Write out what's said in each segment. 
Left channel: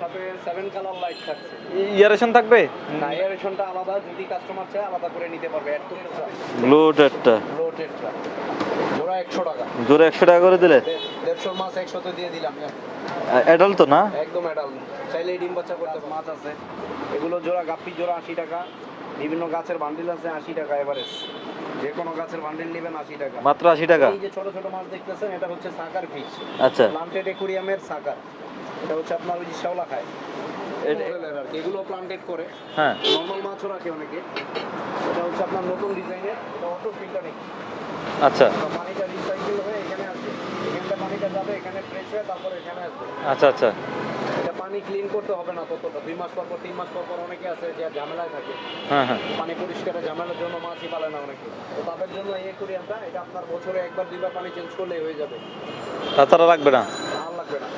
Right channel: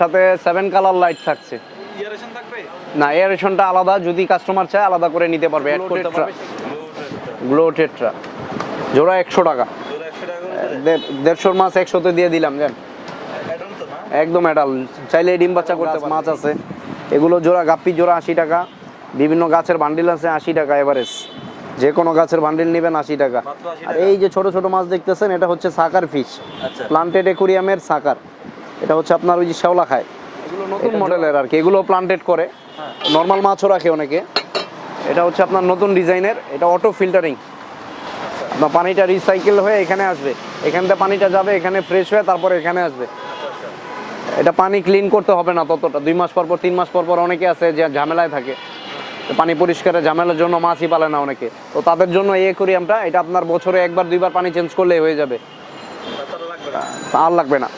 সাথে seven colour light থাকছে। Aeration থাকবে? না এয়ারেশনটা আলাদা যদি কাস্টমার চায় আলাদা করে নিতে পারবে। অ্যাড করতে পারবে ব্লুটেডটা গ্লো টেট্রা জোড়া একশো টাকা। জোরে একশো টাকা করে দিলে? দেড়শোর মাছ একশোতে দিয়ে দিলাম জান অ্যাডাল তো না? একদম অ্যাডাল চাইলে ডিম বাচ্চা করতে পারে। মাছ আছে। এগুলো জোড়া গাপ্পি জোড়া আশি টাকা। বিভিন্ন গাছের বান্ডিল আছে আশি টাকা এভারেজ যে কোনো গাছের বান্ডিল নেবেন আশি টাকা। মাত্র আশি টাকা? এই যে ছোট ছোট মাছ দেখতেছেন এটা হচ্ছে সাকার ফিশ আচ্ছা। প্লান্টেড একুরিয়ামের সাকার। এটা হচ্ছে আপনার ওই যে শেওলা খায়। নতুন মডেলের আর কি। এগুলো প্লান্টেড করে। হ্যাঁ। নর্মাল মাছও রাখে অনেকে। এটা হচ্ছে আপনার নতুন ডিজাইনের। এটা অটো ফিল্টারিং আচ্ছা। পানিটা রিসাইকেল হয়ে এখানে আসবে। এখান পানিটা যাবে এখানে ফ্রেশ হয়ে তারপরে এখানে আসবে। আচ্ছা আচ্ছা। এটা পানি ক্লিন করতে হবে না ততটা। দুই মাস পর পর তিন মাস পর পর অনেকে আছে যে ঝামেলায় থাকে। হ্যাঁ হ্যাঁ। পানি পরিষ্কারের ঝামেলার জন্য মাছই পালে না অনেকে। তো তাদের জন্য এই অ্যাকোরিয়ামটা এটা আপনার বছরে একবার দুইবার পানি চেঞ্জ করলেই হয়ে যাবে। তাছাড়া রাখবে না? আর লাগবে না।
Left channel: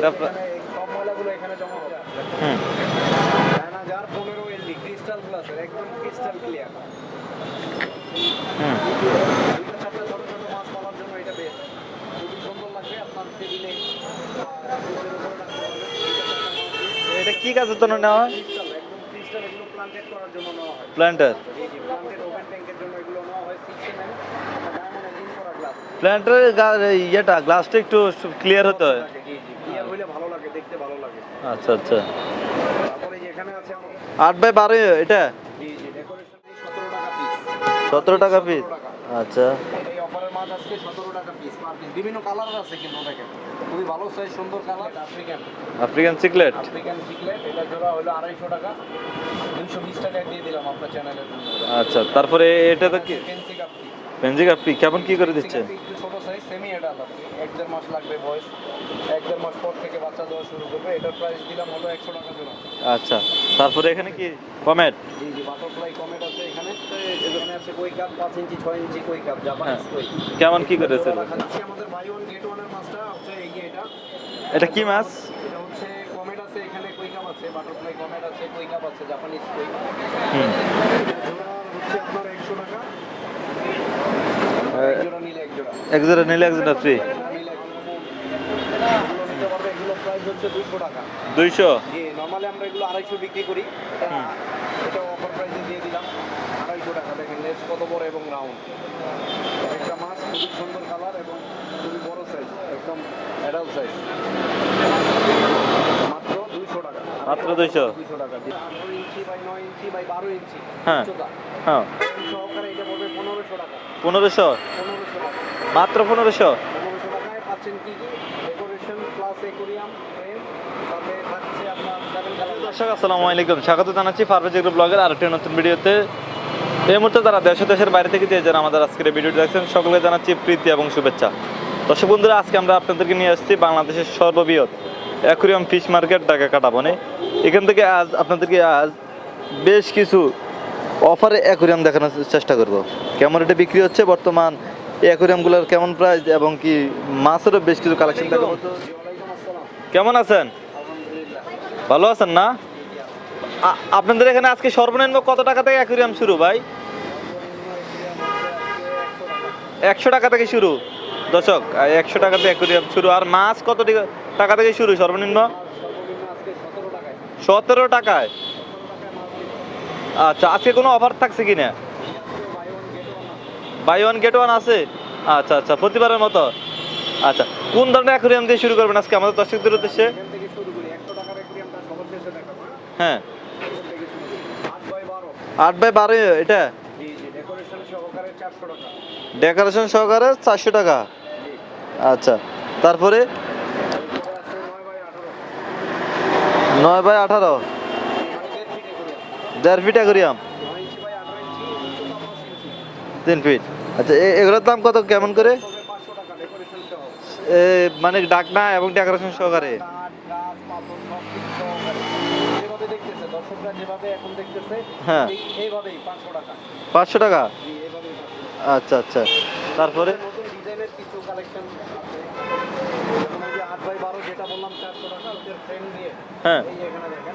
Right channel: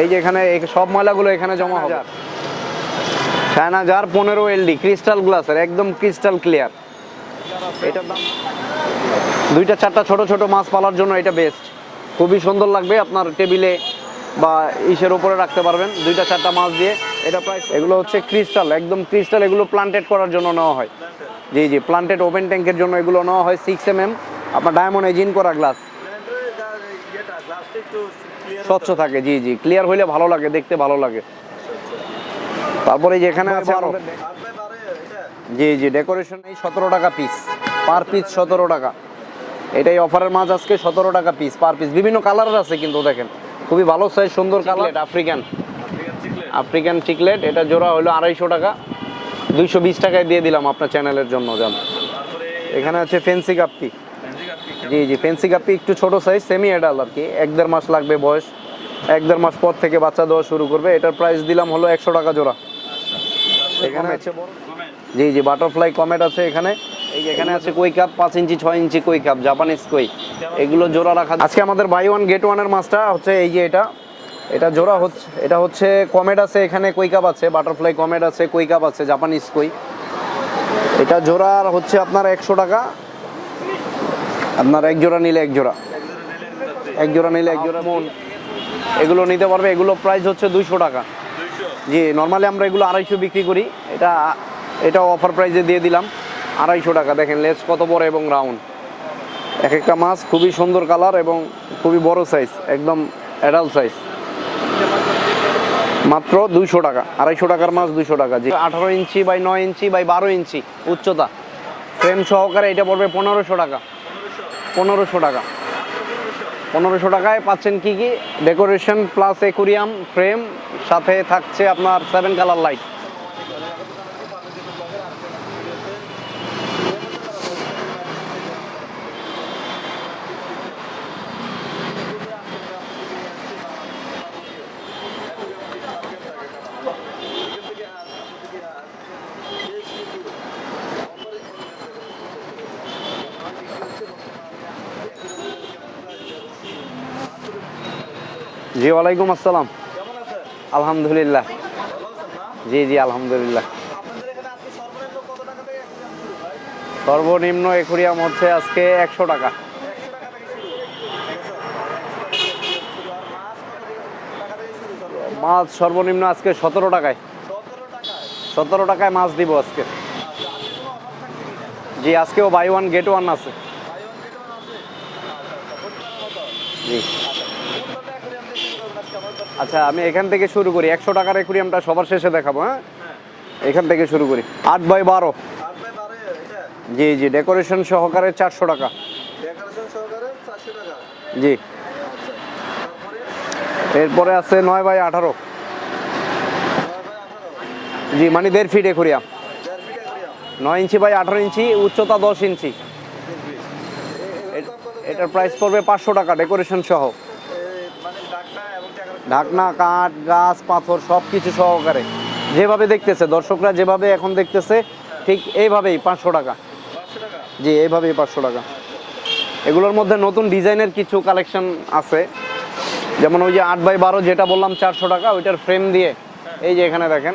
এই যে এখানে সব ময়লাগুলো এখানে জমা হবে। হুম। চায়না জার পনেরো এলডি ক্রিস্টাল গ্লাসের একদম ক্রিস্টাল ক্লিয়ার এটার দাম? দুইটা, চারটা ছোট ছোট মাছ পালার জন্য এটা বেস্ট খুবই সুন্দর লাগবে আপনার টেবিলে বা ইসের উপরে রাখতে পারবেন দুইটা চারটা মাছ দিয়ে। এটা এগুলো হচ্ছে ক্রিস্টাল একদম ক্রিস্টাল এগুলো প্লান্টেড করার জন্য নেওয়া হয়। প্ল্যান্টার জি জি প্লান্টেড ওপেন ট্যাঙ্কের জন্য এগুলো নেওয়া হয় সিক্স এম এম আপনার ডায়মন্ড এজিন করা গ্লাস প্ল্যান্টারের ইয়েটা গ্লাসটা একটু ক্লিয়ার স্বচ্ছ থাকে জি জি ক্লিয়ার হইলে ভালো লাগে দেখতে ভালো লাগে। আচ্ছা আচ্ছা। তারপরে যে এখানে আছে আমাদের- আট বাই বারো এটা? জি জি ডেকোরেশন এই সতেরো টাকা পিস পার পিস সতেরো টাকা। আচ্ছা। এটাই অফারের মাছ আজকে সতেরো টাকা পিস পার পিস বিভিন্ন কালারের আছে কিন্তু দেখেন। খুবই ভালো সাইজ সুন্দর colour African African cichlid African cichlid এটা জোড়া হলো আড়াইশো টাকা। দুইশো বিশ টাকায় দিয়ে দিলাম আপনার চ্যানেলের জন্য আচ্ছা তারপরে এখানে আছে ফেন্সি কাপ্পি কেমন ফেন্সি? কাপ্পি একটু ছোট সাইজ সেমি এডাল আর কি। এক দেড় মাস লাগবে বয়স। এক দেড় মাস পর থেকে বাচ্চা দেওয়া শুরু করবে। এটার প্রাইস দিলাম হলো একশো টাকা জোড়া। আচ্ছা তারপরে এখানে এখানে আছে কমেট জি জি বাটারফ্লাই কমেট আছে এখানে। এখানে আছে কই কাপ পাঁচ ইঞ্চি ছয় ইঞ্চি কই কাপ জাপানিজ কই? এগুলো জোড়া রাখা আজকে আমাদের বাই ওয়ান গেট ওয়ানের মাছটা হচ্ছে এই যে এটা। এটা জোড়া হচ্ছে এটা হচ্ছে কমেট আছে এখানে কই কাপ আছে বাটারফ্লাই কমেট আছে কই কাপ আছে জাপানিজ কই। এটা জোড়া হচ্ছে আপনার একশো টাকা। আপনার এক জোড়া নিলে এক জোড়া। এক জোড়া নিলে এক জোড়া ফ্রি এক জোড়া নিলে এক জোড়া। মন এগুলো নিতে পারবে এগুলো প্রাইস হচ্ছে দুইশো টাকা। দুইশো? জি নর্মালি আমরা এগুলো আড়াইশো বিক্রি করি। এটা এটা অফার প্রাইসে দিয়ে দিলাম। আড়াইশো টাকা। দেখেন লেস কত বড় এবং রাউন্ড। এক একটা মাছ খুবই সুন্দর কালার এবং খুবই বড় সাইজ একদম অ্যাডাল্ট সাইজ মাত্র দুইশো টাকা আড়াইশো টাকার মাছ দুইশো। টাকা। জি আঠারো ইঞ্চি বাই নয় ইঞ্চি বাই বারো ইঞ্চি হ্যাঁ। উচ্চতা। হ্যাঁ। ফ্রেম সহকারে এটা পড়বে পনেরোশো টাকা। পনেরোশো? পনেরোশো টাকা। মাত্র পনেরোশো? পনেরোশো টাকায় পাচ্ছেন কি কি? ডেকোরেশন প্লাস একুরিয়াম ফ্রেম সাথে থাকছে আপনার সেভেন কালার লাইট আসসালামু আলাইকুম। স্বাগত জানাচ্ছি গ্রুপ ব্লগের আরেকটি নতুন ভিডিওতে। এই মুহূর্তে যারা দেশ দেশের বাইরে থেকে যে যারা আমাদের আজকের ভিডিওটি দেখছেন সকলকে জানাচ্ছি প্রীতি এবং শুভেচ্ছা। দর্শক বন্ধুরা আজকে আমরা আপনাদেরকে নিয়ে আসছি বাংলাদেশের সর্ববৃহৎ অ্যাকুরিয়াম ফিশ মার্কেট ঢাকা কাটাবনে। এখান থেকে আজ আপনাদেরকে আজ বেশ কিছু অফারে অ্যাকুরিয়াম দেখানোর চেষ্টা করব। কেমন এটা বিক্রি হচ্ছে বর্তমান অ্যাকুরিয়ামগুলোর কেমন প্রাইস এবং কি মাছেরও বেশ কিছু কালেকশন দেখাবো। জি ওয়ালাইকুম আসসালাম। কেমন আছেন? আলহামদুলিল্লাহ। ভালো আছেন না? জি জি আলহামদুলিল্লাহ। আপনাদের এখানে আজকে সর্বনিম্ন কত টাকা থেকে অ্যাকুরিয়াম শুরু ভাই? সর্বনিম্ন একুরিয়াম হচ্ছে আজকে একশো টাকা। একশো টাকা থেকে শুরু। দর্শক একশো টাকা থেকে অ্যাকুরিয়াম শুরু। আর মাছ কত টাকা- থেকে শুরু সর্বনিম্ন? মাছ সর্বনিম্ন আজকে সতেরো টাকায়। সতেরো টাকায়? সতেরো টাকায় মাছ দিব আজকে। আচ্ছা আজকে কোনো অফার থাকছে কিনা জি আজকেও বাই ওয়ান গেট ওয়ান আছে। বাই ওয়ান গেট ওয়ান আছে? আচ্ছা আচ্ছা প্রতিবারের মতো। আচ্ছা কোন ধরনের অ্যাকুরিয়াম দিয়ে শুরু করবেন আজকে? আমাদের দর্শকদের আচ্ছা আমি এখান থেকে শুরু করি। একশো টাকার একুরিয়ামটা সবার শেষে দেখাবো হ্যাঁ? হ্যাঁ। এখান থেকে শুরু করি। আট বাই বারো। আট বাই বারো এটা? জি জি ডেকোরেশন সহকারে চারশো টাকা। ডেকোরেশন সহকারে চারশো টাকা? জি। আচ্ছা তারপরে? এরপরে আছে নয় বাই আঠারো। নয় বাই আঠারো? জি মানে দেড় ফিট একুরিয়াম দেড় ফিট অ্যাকুরিয়াম নয় ইঞ্চি বাই আঠারো ইঞ্চি উচ্চতা দশ ইঞ্চি। তিন ফিট আচ্ছা এগুলোর দাম কত কেমন করে? পড়বে পাঁচশো টাকা ডেকোরেশন সহ। মানে ডাকনা এবং ডেকোরেশন ঢাকনা কাঠ গাছ পাথর সব কিছু সহকারে। যেভাবে দেখতেছে দর্শকরা যেভাবে এখন দেখতেছে হ্যাঁ। ঠিক এইভাবেই পাঁচশো টাকা। পাঁচশো টাকা? জি এইভাবেই পাঁচশো টাকা। আচ্ছা আচ্ছা। এগুলোর মধ্যে নতুন ডিজাইনের কিছু কালেকশন আছে। যেমন ওই যে আট বাই বারো যেটা বললাম চারশো টাকা ওইটার ফ্রেম দিয়ে। হ্যাঁ। এই যে এখানে দেখেন।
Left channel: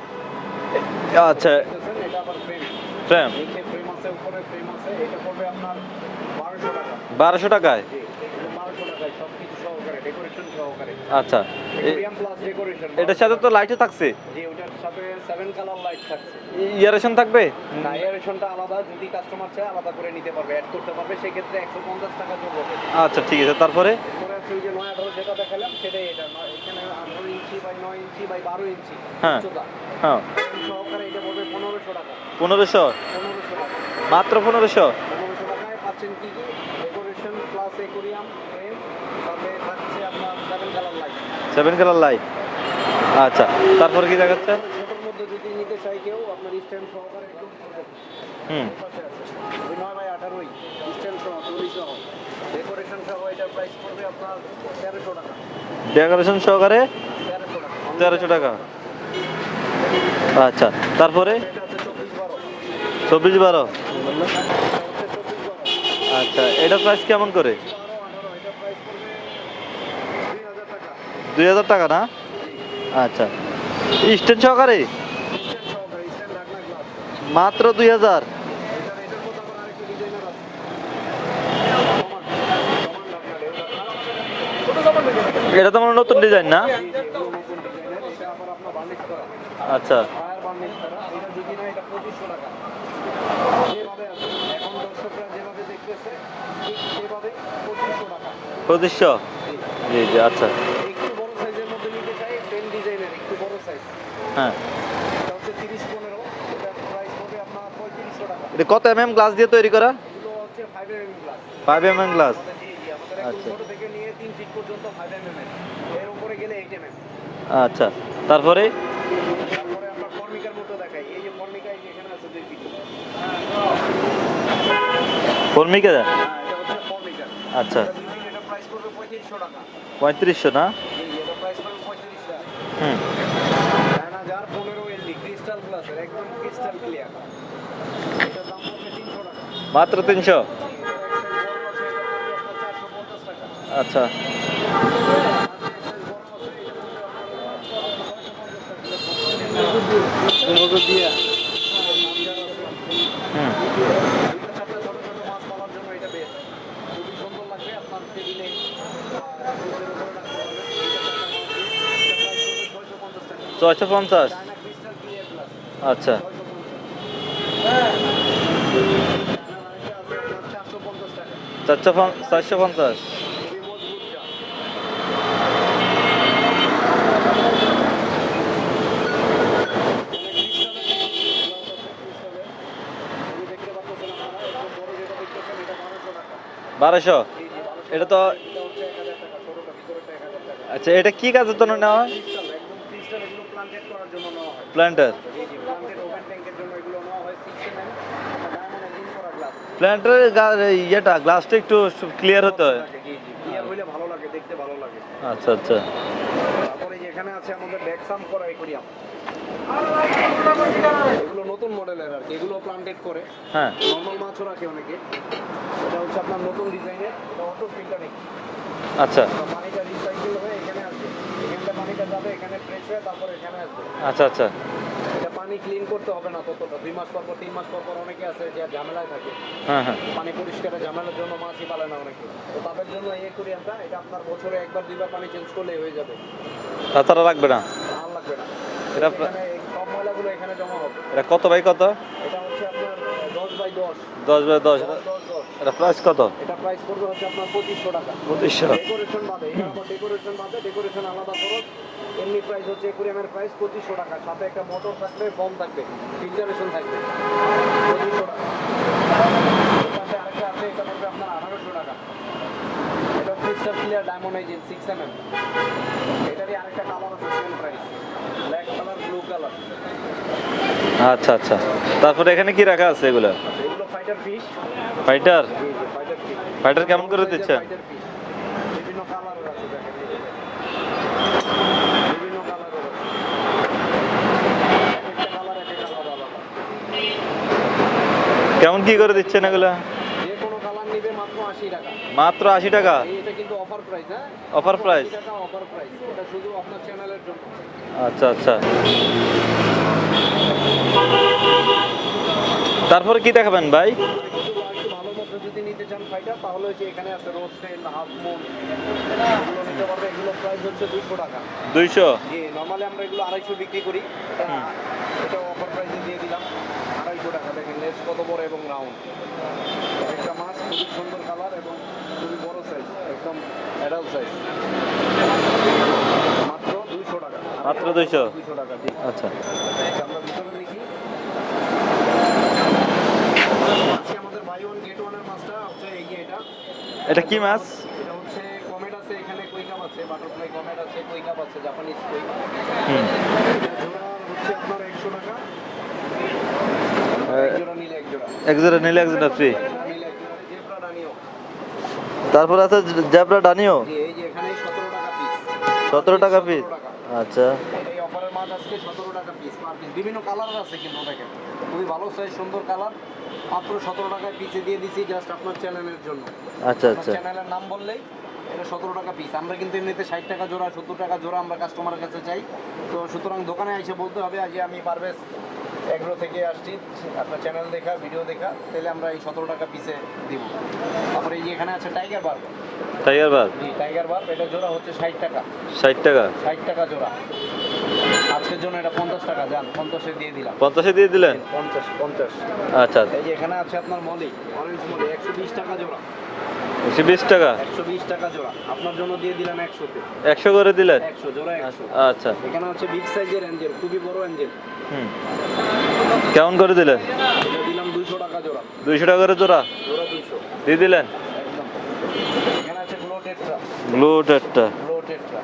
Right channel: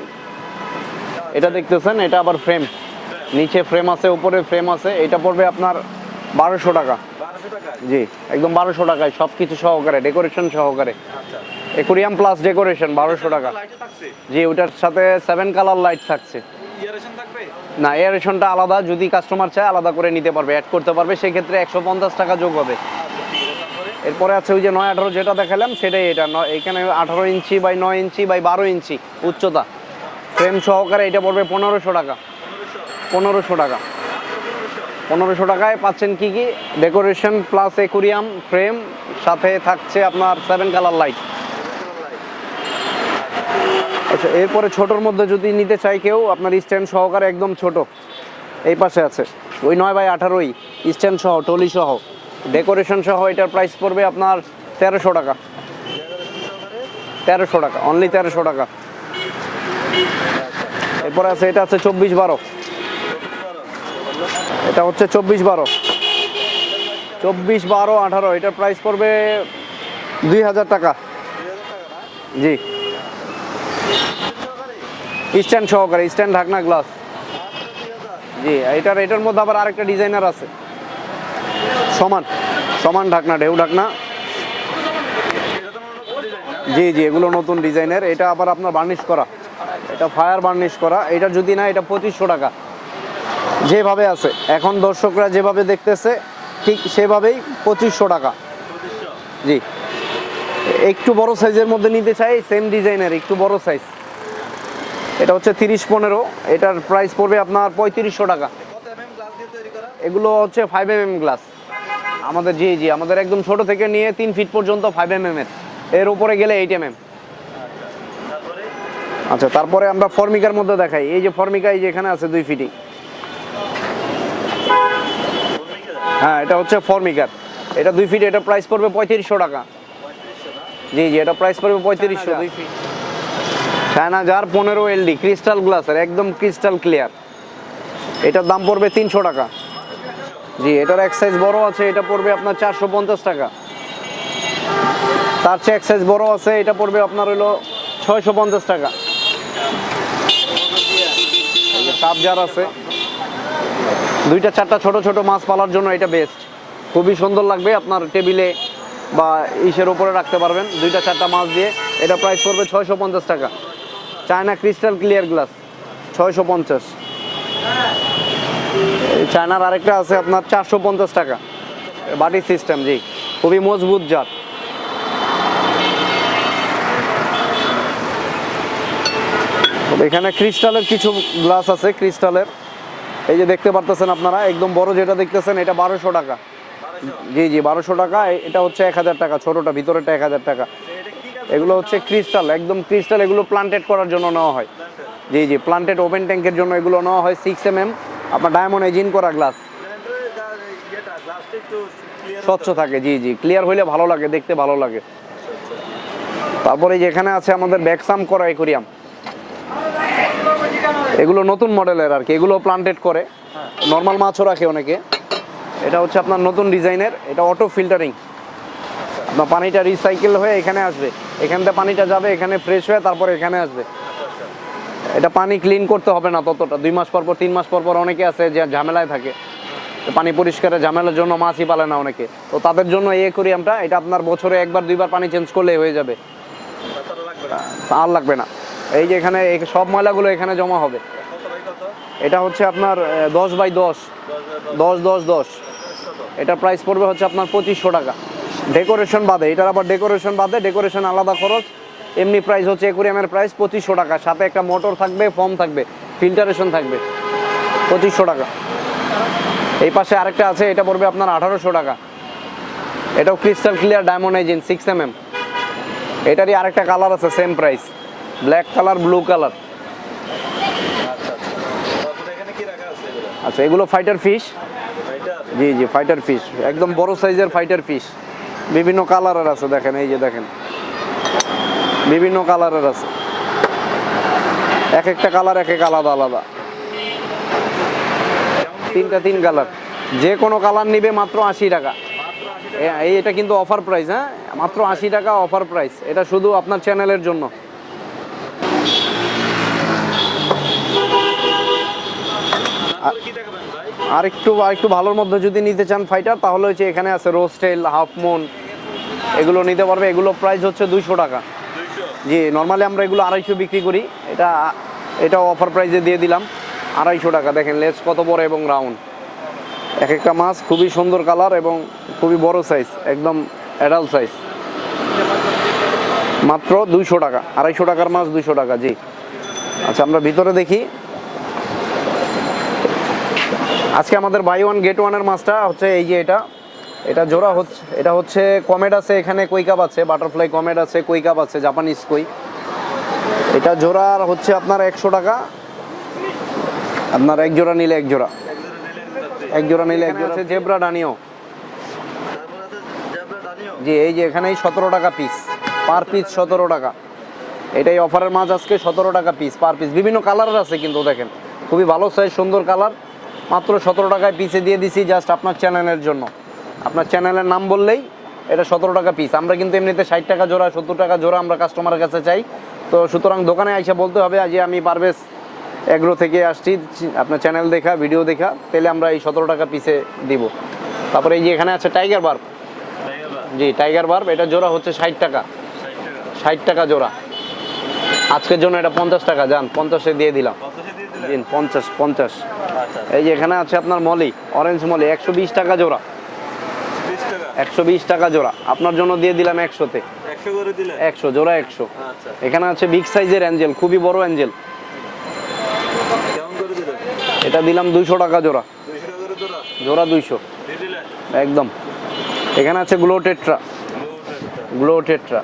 এটা আচ্ছা দেখতেছেন এটা আবার ফ্রেম নিচে ফ্রেম আছে উপরে ফ্রেম আছে। এটা পড়বে আপনার বারোশো টাকা। বারোশো টাকায়? জি একদম বারোশো টাকায় সব কিছু সহকারে ডেকোরেশন সহকারে। আচ্ছা। একুরিয়াম প্লাস ডেকোরেশন বারোশো সাথে টাকা। তো লাইটও থাকছে? জি ওটার সাথে সেভেন কালার লাইট থাকছে। ইয়ারেশন থাকবে? না এয়ারেশনটা আলাদা যদি কাস্টমার চায় আলাদা করে নিতে পারবে অ্যাড করতে পারবে সেই ক্ষেত্রে একশো পঞ্চাশ টাকা যোগ হবে। আচ্ছা ঠিক আছে তারপরে? এরপরে আছে ওই যে নয় আঠারো যেটা দেখালাম সেটাই এটা এখানে আঠারো ইঞ্চি বাই নয় ইঞ্চি বাই বারো ইঞ্চি হ্যাঁ। উচ্চতা। ফ্রেম সহকারে এটা পড়বে পনেরোশো টাকা। পনেরোশো? পনেরোশো টাকা। মাত্র পনেরোশো? পনেরোশো টাকায় পাচ্ছেন কি কি? ডেকোরেশন প্লাস একুরিয়াম ফ্রেম সাথে থাকছে আপনার seven colour light seven colour light আচ্ছা তারপরে দেখাচ্ছে? এরপরে ছোটোর মধ্যে যদি নিতে চাই কেউ আপনার স্ট্যান্ড সহকারে একদম ছোট। এই পাশে আছে। ওই নয় বাই আঠারোই। স্ট্যান্ড সহ টলি সহ। ডেকোরেশন সহ এটার প্রাইস পড়বে আপনার তেরোশো টাকা। ডেকোরেশন সহকারে? তেরোশো টাকা অনলি তেরোশো টাকা। আচ্ছা তারপরে? আছে এটা আছে চব্বিশ বারো। চব্বিশ বারো? এটা হচ্ছে চব্বিশ বারো। আচ্ছা এটা প্রাইস কেমন চব্বিশ বারো আঠারো এটার প্রাইস পড়বে দুই হাজার টাকা। দুই হাজার টাকা না? জি। আচ্ছা স্ট্যান্ড সহকারে? স্ট্যান্ড সহকারে স্ট্যান্ড ঢাকনা গ্লাস। মাত্র দুই হাজার? জি এটার এটার মধ্যে আবার আরেকটা ডিজাইনার আছে। সমান সমান ঢাকনা ঢেউ ঢাকনা। এটা তো আমার নতুন ডিজাইন না? জি জি এগুলো নতুন ডিজাইনের এটা আবার আপনার বার্নিশ করা। আচ্ছা। এটা ফায়ার বার্নিশ করা এটা যদি না এটা পঁচিশশো টাকা। যেভাবে আছে এখন দর্শকরা যেভাবে দেখতেছে ঠিক সেভাবেই পঁচিশশো টাকা। পঁচিশশো? জি। জি জি আচ্ছা। একটু বড় সাইজের মধ্যে নিতে চাই সেম ডিজাইনের একটু বড় সাইজ। হ্যাঁ। এটা হচ্ছে তিরিশ পনেরো এটার প্রাইস পড়বে আপনার পঁয়ত্রিশশো টাকা। কত এম এম গ্লাস দিয়ে তৈরি করা? এগুলো হচ্ছে five M M glass five M M glass আমাদের জি জি আমাদের একদম ছোট থেকে নিয়ে তিন ফিট পর্যন্ত ফাইভ এম এম এর। এর উপরে গেলে এইট এম এম আচ্ছা। তারপরে? আচ্ছা তারপরে আমরা ফর্মিকার মধ্যে দেখাই। এই যে ফর্মিকা এই যে এখানে আছে দুই ফিটি। কর্মীকে হ্যাঁ এটা হচ্ছে ফর্মিকার। আচ্ছা। এটা দুই ফিট এটা প্রাইস পড়বে পঁয়ত্রিশশো টাকা। পঁয়ত্রিশশো না? জি জি এটা প্রাইস পড়বে পঁয়ত্রিশশো। দুই ফিট। হুম। চায়না জার পনেরো এলডি ক্রিস্টাল গ্লাসের একদম ক্রিস্টাল ক্লিয়ার এটার দাম পড়বে তিনশো টাকা। মাত্র তিনশো? জি এটার এক সাইজ বড় আছে এটা পড়বে আপনার চারশো পঞ্চাশ টাকা। আচ্ছা। তার চেয়ে এক সাইজ বড় আছে এটা পড়বে আপনার হলো ছয়শো পঞ্চাশ টাকা। কাপ জার আছে। দুইটা চারটা ছোট ছোট মাছ পালার জন্য এটা বেস্ট খুবই সুন্দর লাগবে আপনার টেবিলে বা ইসের উপরে রাখতে পারবেন। দুইটা চারটা মাছ দিয়ে। এটা প্রাইস পড়বে ছয়শো পঞ্চাশ টাকা। ছয়শো পঞ্চাশ? চায়না ক্রিস্টাল ক্লিয়ার গ্লাস আচ্ছা। ছয়শো পঞ্চাশ। চায়নার আরেকটা আছে আপনার চারশো পঞ্চাশ টাকা। বাড়ির সিস্টেম জি। খুবই মজবুত জাত। এখানে ক্রিস্টালের কিছু গ্লাস আছে ক্রিস্টালের। এই যে দেখতে পারতেছেন আপনারা একদম বড় যেটা দেখতেছেন এটা বারোশো টাকা। বারোশো? জি জি বারোশো টাকা এটা হচ্ছে এক হাজার টাকা ছোটটা ভিতরেটা এক হাজার টাকা। আচ্ছা এটা কি কাজের এগুলো হচ্ছে ক্রিস্টাল একদম ক্রিস্টাল এগুলো প্লান্টেড করার জন্য নেওয়া হয়। প্ল্যান্টার জি জি প্লান্টেড ওপেন ট্যাঙ্কের জন্য এগুলো নেওয়া হয় সিক্স এম এম আপনার ডায়মন্ড এজিন করা গ্লাস ইয়েটা গ্লাসটা একটু ক্লিয়ার স্বচ্ছ থাকে জি জি ক্লিয়ার হইলে ভালো লাগে দেখতে ভালো লাগে। আচ্ছা আচ্ছা। তারপরে এই যে আছে আমাদের ব্যাকসাম করা একুরিয়াম এগুলো নতুন মডেলের আর কি এগুলো প্লান্টেড করে। হ্যাঁ। নর্মাল মাছও রাখে অনেকে। এটা হচ্ছে আপনার নতুন ডিজাইনের এটা অটো ফিল্টারিং আচ্ছা। পানিটা রিসাইকেল হয়ে এখানে আসবে। এখান থেকে পানিটা যাবে এখানে ফ্রেশ হয়ে তারপরে এখানে আসবে। আচ্ছা আচ্ছা। এটা পানি ক্লিন করতে হবে না ততটা। দুই মাস পর পর তিন মাস পর পর অনেকে আছে যে ঝামেলায় থাকে। হ্যাঁ হ্যাঁ। পানি পরিষ্কারের ঝামেলার জন্য মাছই পালে না অনেকে। তো তাদের জন্য এই অ্যাকুরিয়ামটা এটা আপনার বছরে একবার দুইবার পানি চেঞ্জ করলেই হয়ে যাবে। তাছাড়া রাখবে না? আর লাগবে না। এই যে এখানে সব ময়লাগুলো এখানে জমা হবে। এটা কত বাই কত? এটা হচ্ছে আপনার দশ বাই দশ। দশ বাই দশ। দশ দশ দশ। প্রাইস কত? এটা প্রাইস পড়বে হচ্ছে আপনার পঁচিশশো টাকা। ডেকোরেশন বাদে এটার আবার ডেকোরেশন বাদে ডেকোরেশন আলাদা খরচ। এমনি প্রাইস হচ্ছে একুরিয়ামের প্রাইস পঁচিশশো টাকা। সাথে একটা মোটর থাকবে ফর্ম থাকবে ফিল্টারেশন থাকবে। পঁচিশশো টাকা। এই পাশে আরেকটা আছে এটা পড়বে আপনার আঠারোশো টাকা। এটাও crystal clear diamond edging six M M এটারই আরেকটা কালার আছে same price black colour blue colour আচ্ছা আচ্ছা। তারপরে এখানে কি রাখা আছে এগুলা? আচ্ছা এগুলো ফাইটার ফিশ ফাইটার জি জি ফাইটার ফিশ একদম বড় সাইজের ফাইটার ফিশ বিভিন্ন কালারের আছে দেখেন এই যে দেখেন। বিভিন্ন কালারের আছে। এক একটা কালার এক এক আলাদা আলাদা। কেমন কি করে দিচ্ছেন কালার যে কোনো কালার নিবে মাত্র আশি টাকা। মাত্র আশি টাকা? এই এটা কিন্তু অফার প্রাইস হ্যাঁ? মাত্র আশি টাকা অফার প্রাইস এটা শুধু আপনার চ্যানেলের জন্য। আচ্ছা আচ্ছা। তারপরে কি দেখাবেন ভাই? আর একটু আর একটু ভালোর মধ্যে যদি নিতে চান ফাইটার তাহলে হচ্ছে এখানে আছে রোস্টেল হাফ মুন এগুলো নিতে পারবে। এগুলো প্রাইস হচ্ছে দুইশো টাকা। দুইশো? জি নর্মালি আমরা এগুলো আড়াইশো বিক্রি করি। এটা এটা অফার প্রাইসে দিয়ে দিলাম। আড়াইশো টাকা। দেখেন লেস কত বড় এবং রাউন্ড এক একটা মাছ খুবই সুন্দর কালার এবং খুবই বড় সাইজ একদম অ্যাডাল্ট সাইজ মাত্র দুইশো টাকা আড়াইশো টাকার মাছ 200 দুইশো টাকা জি। আচ্ছা। আচ্ছা আমরা ভিতরে দেখি। আজকে আমাদের বাই ওয়ান গেট ওয়ানের মাছটা হচ্ছে এই যে এটা। এটা জোড়া হচ্ছে এটা হচ্ছে কমেট আছে এখানে কুইকাপ আছে বাটারফ্লাই কমেট আছে কুইকাপ আছে জাপানিজ কই। এটা জোড়ার হচ্ছে আপনার একশো টাকা। আপনার এক জোড়া নিলে এক জোড়া। এক জোড়া নিলে এক জোড়া ফ্রি এক জোড়া নিলে এক জোড়া আছে জেব্রা ডানিও তারপর আছে জেব্রা ডানিও জি এই যে এখানে সতেরো টাকা পিস পার পিস সতেরো টাকা। আচ্ছা। এটাই অফারের মাছ আজকে সতেরো টাকা পিস পার পিস বিভিন্ন কালারের আছে কিন্তু দেখেন। খুবই ভালো সাইজ সুন্দর কালার মাত্র সতেরো টাকায় পিসে দিয়ে দিছি জাস্ট আপনার চ্যানেলের জন্য। আচ্ছা আপনার। চ্যানেলের নাম বললেই এটা সতেরো টাকা পিস আমরা কিন্তু এমনিতে ষাট টাকা জোড়া সত্তর টাকা জোড়া আমরা কাস্টমারের কাছে চাই। তো সুতরাং দোকানে আইসা বলতে হবে যে আমি পারভেজ এগ্রো থেকে আসছি। আপনার চ্যানেল দেখা ভিডিও দেখা। তাহলে আমরা এই সতেরো টাকা পিসে দিব। তারপরে এই যে এখানে আছে টাইগার বার্ব টাইগার বার জি টাইগার বার্ব এটা জোড়া হচ্ছে ষাট টাকা। ষাট টাকা? ষাট টাকা জোড়া। আজকের জন্য এটা পঞ্চাশ টাকা যান পঞ্চাশে দিয়ে দিলাম। পঞ্চাশে দিয়ে দিলেন? পঞ্চাশ পঞ্চাশ। আচ্ছা এই যে এখানে আছে আপনার মলি অরেঞ্জ মলি একশো বিশ টাকা জোড়া। একশো বিশ টাকা? একশো বিশ টাকা জোড়া। আপনার জন্য দিয়ে দিলাম একশোতে। একশো করে দিলেন? একশো জোড়া একশো। আচ্ছা। এখানে আছে বিগ সাইজের অ্যাঞ্জেল খুবই বড় অ্যাঞ্জেল। কেমন করে দিলেন? এটা দিলাম দুইশো টাকা জোড়া। দুইশো টাকা করে জোড়া? জোড়া দুইশো। দিয়ে দিলেন? একদম। এখানে আছে glow tetra blue tetra glow tetra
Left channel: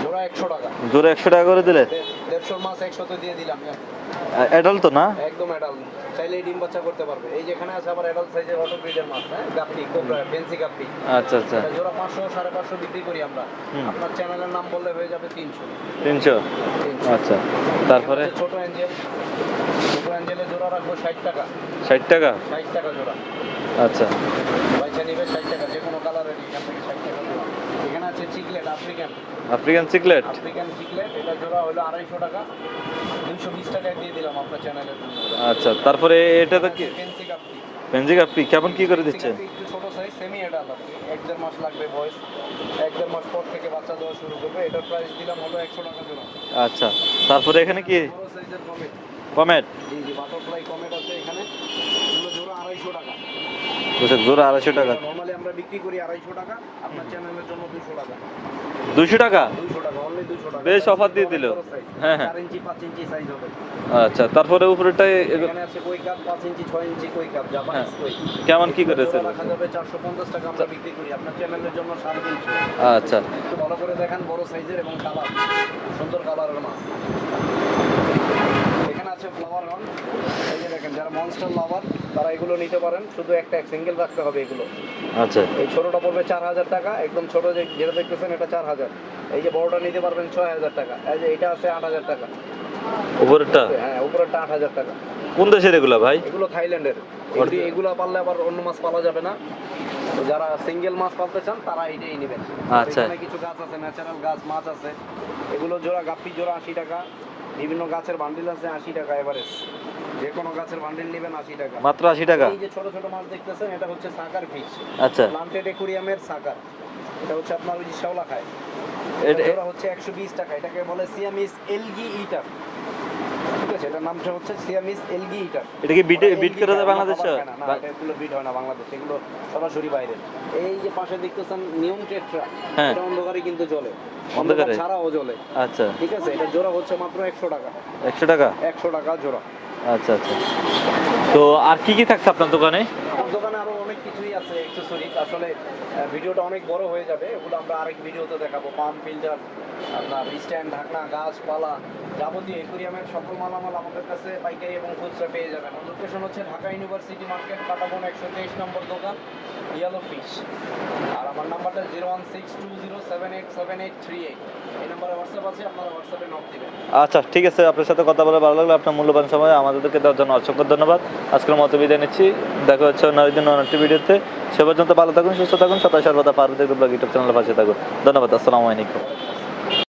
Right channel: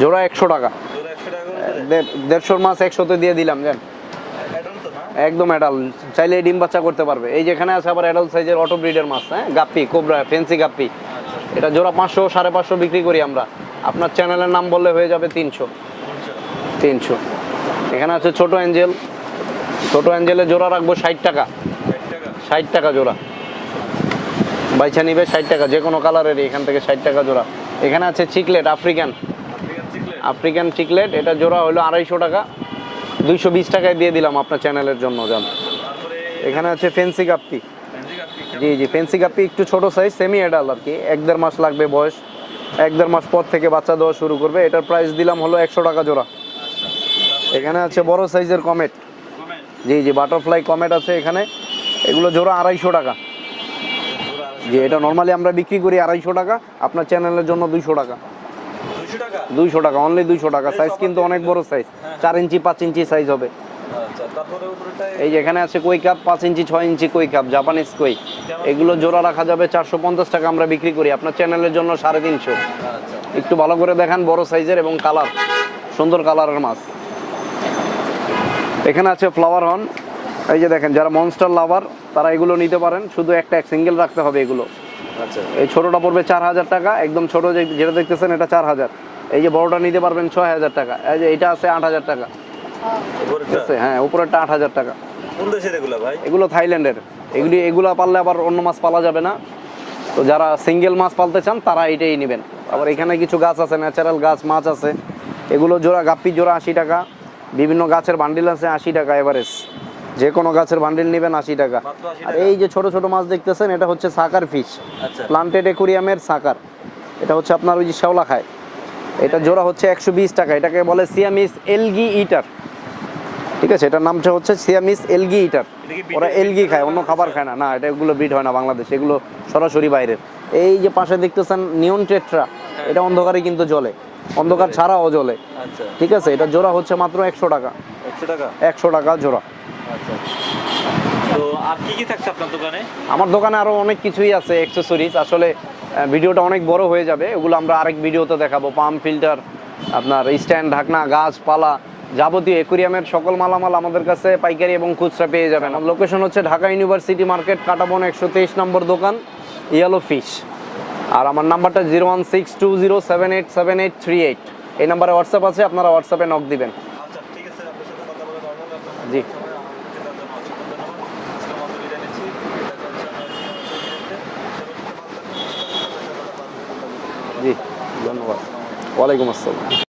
জোড়া একশো টাকা। জোড়া একশো টাকা করে দিলেন দে- দেড়শোর মাছ একশোতে দিয়ে দিলাম জান। অ্যাডাল তো না? একদম অ্যাডাল চাইলে ডিম বাচ্চা করতে পারবে। এই যেখানে আছে আবার অ্যাডাল্ট সাইজের অটো ব্রিডের মাছ হ্যাঁ? Guppy cobra fancy guppy. আচ্ছা আচ্ছা। এটা জোড়া পাঁচশো সাড়ে পাঁচশো বিক্রি করি আমরা। আপনার চ্যানেলের নাম বললে হয়ে যাবে তিনশো। তিনশো? তিনশো। আচ্ছা। এখানে আছে ছোট অ্যাঞ্জেল। ছোট অ্যাঞ্জেলের জোড়া রাখব ষাট টাকা। ষাট টাকা? ষাট টাকা জোড়া। আচ্ছা। বাইছা নিবে ষাট টাকা যে কোনো কালারের এখান থেকে ষাট টাকা জোড়া। এখানে আছে cichlid African African cichlid African cichlid এটা জোড়া হলো আড়াইশো টাকা। দুইশো বিশ টাকায় দিয়ে দিলাম আপনার চ্যানেলের জন্য আচ্ছা তারপরে এখানে আছে ফেন্সি কাপ্পি পেনজি কাপি কেমন জি কি জি করে ফেন্সি? কাপ্পি একটু ছোট সাইজ সেমি এডাল আর কি। এক দেড় মাস লাগবে বয়স। এক দেড় মাস পর থেকে বাচ্চা দেওয়া শুরু করবে। এটার প্রাইস দিলাম হলো একশো টাকা জোড়া। আচ্ছা তারপরে এখানে আছে বড় সাইজের কমেট কমেট জি জি বাটারফ্লাই কমেট আছে এখানে। এগুলো জোড়া আড়াইশো টাকা। আচ্ছা জোড়া আড়াইশো টাকা। এটা নর্মালি আমরা বিক্রি করি আড়াইশো টাকা। আপনার চ্যানেলের জন্য দুইশো টাকা। দুইশো টাকা? দুইশো টাকা অনলি দুইশো টাকা। সাইজ কিন্তু অনেক বড় সাইজ হ্যাঁ, হ্যাঁ। ইঞ্চি পাঁচ ইঞ্চি সাইজ হবে। আচ্ছা তারপরে উপরেটা এই এখানে আছে কই কাপ পাঁচ ইঞ্চি ছয় ইঞ্চি কই কাপ জাপানিজ কই এগুলো জোড়া রাখা যাবে চারশো পঞ্চাশ টাকা আমরা বিক্রি করি। আপনার চ্যানেলের জন্য সাড়ে তিনশো। আচ্ছা। একটু ভালো করে দেখান বড় সাইজের এবং কালার সুন্দর কালারের মাছ। এখানে আছে ফ্লাওয়ার হর্ন এই যে দেখেন যারা মনস্টার লাভার তারা এগুলো নিতে পারেন। শুধু একটা এক সিঙ্গেল রাখতে হবে এগুলো। আচ্ছা। এই ছোটটা পড়বে চার হাজার টাকা একদম ছোট যে যেটা দেখতেছেন এটা চার হাজার। এই যে বড়টা নিতে পারবেন ছয় হাজার টাকা এই যে এটা আছে আট হাজার টাকা। উপরেরটা? হ্যাঁ উপরেরটা আট হাজার টাকা। কোন দেশের এগুলা ভাই? এগুলো থাইল্যান্ডের। এগুলি এগুলো পারলে আবার অন্য মাছ পালা যাবে না। তো যারা সিঙ্গেল মাছ পালতে চান তারা এটাই নেবেন। আর আচ্ছা। এখানে কিছু গাছ আছে ন্যাচারাল গাছ মাছ আছে। এগুলো জোড়া গাপ্পি জোড়া আশি টাকা। বিভিন্ন গাছের বান্ডিল আছে আশি টাকা এভারেজ। যে কোনো গাছের বান্ডিল নেবেন আশি টাকা। মাত্র আশি টাকা? এই যে ছোট ছোট মাছ দেখতেছেন এটা হচ্ছে সাকার ফিশ আচ্ছা। প্লান্টেড একুরিয়ামের সাকার। এটা হচ্ছে আপনার ওই যে শেওলা খায়। এটা জোড়া হচ্ছে একশো বিশ টাকা। এটাকে বলে সিয়ামিস এলগি ইটার ঠিক আছে? এটার নামটা হচ্ছে সিয়ামিস এলগি ইটার ওরা এলগি খায় অন্য খাবার খায় না। না এটা এগুলো বিট হয় না বাংলাদেশ। এগুলো সরাসরি বাইরের। এই যে পাশে দেখতেছেন নিয়ন টেট্রা হ্যাঁ। এটা অন্ধকারে কিন্তু জ্বলে। অন্ধকার। অন্ধকারে? ছাড়াও জ্বলে। আচ্ছা। ঠিক আছে? এটা জোড়া হচ্ছে মাত্র একশো টাকা। একশো টাকা? একশো টাকা জোড়া। আচ্ছা আচ্ছা। তো আর কি কি থাকছে আপনার দোকানে? আমার দোকানে আরও অনেক কিছুই আছে অ্যাক্সেসরিজ আসলে ভিডিওটা অনেক বড় হয়ে যাবে। ওগুলো আমরা আরেক ভিডিওতে দেখাবো। পাম্প ফিল্টার আপনার স্ট্যান্ড ঢাকনা গাছ পালা যাবতীয় একুরিয়ামের সকল মালামাল আমাদের কাছে পাইকারি এবং খুচরা পেয়ে যাবেন। লোকেশন হচ্ছে ঢাকা ইউনিভার্সিটি মার্কেট কাটাবন একশো তেইশ নম্বর দোকান ইয়েলো ফিশ আর আমার নাম্বারটা zero one six two zero seven eight seven eight three eight এই নাম্বারে হোয়াটসঅ্যাপ আছে আপনারা হোয়াটসঅ্যাপে নক দিবেন। আচ্ছা ঠিক আছে আপনার সাথে কথা বলে ভালো লাগল। আপনার মূল্যবান সময় আমাদেরকে দেওয়ার জন্য অসংখ্য ধন্যবাদ। আজকের মতো বিদায় নিচ্ছি। দেখা হচ্ছে অন্য জন্য অনেকটি ভিডিওতে। সে পর্যন্ত ভালো থাকুন সুস্থ থাকুন সবাই সর্বদা বাকি ইউটিউব চ্যানেলে পাশে থাকুন। ধন্যবাদ আসসালামু আলাইকুম। ওয়ালাইকুম আসসালাম।